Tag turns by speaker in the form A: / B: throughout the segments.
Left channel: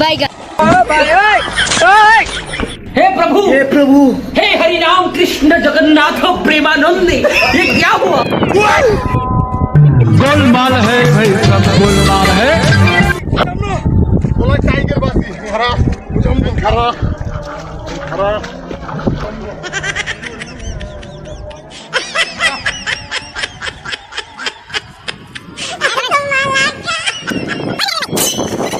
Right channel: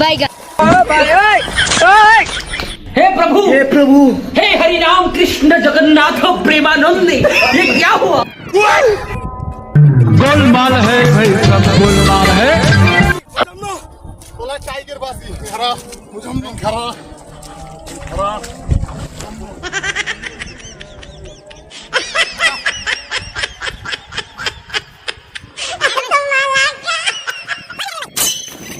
A: Bye
B: हे प्रभु!
C: हे प्रभु!
B: हे हरि राम कृष्ण जगन्नाथ प्रेमानंद ये क्या हुआ?
D: गोलमाल है भाई सब गोलमाल है।
C: बोला टाइगर बासी खरा मुझे खरा खरा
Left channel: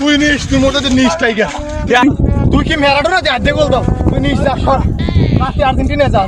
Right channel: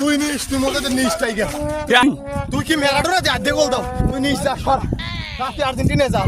C: তুই নিস, তুই মধ্যে তো নিস, টাইগার। তুই কি ম্যারাডোনা? যা দে গোল দাও। তুই নিস যা আর্জেন্টিনা যা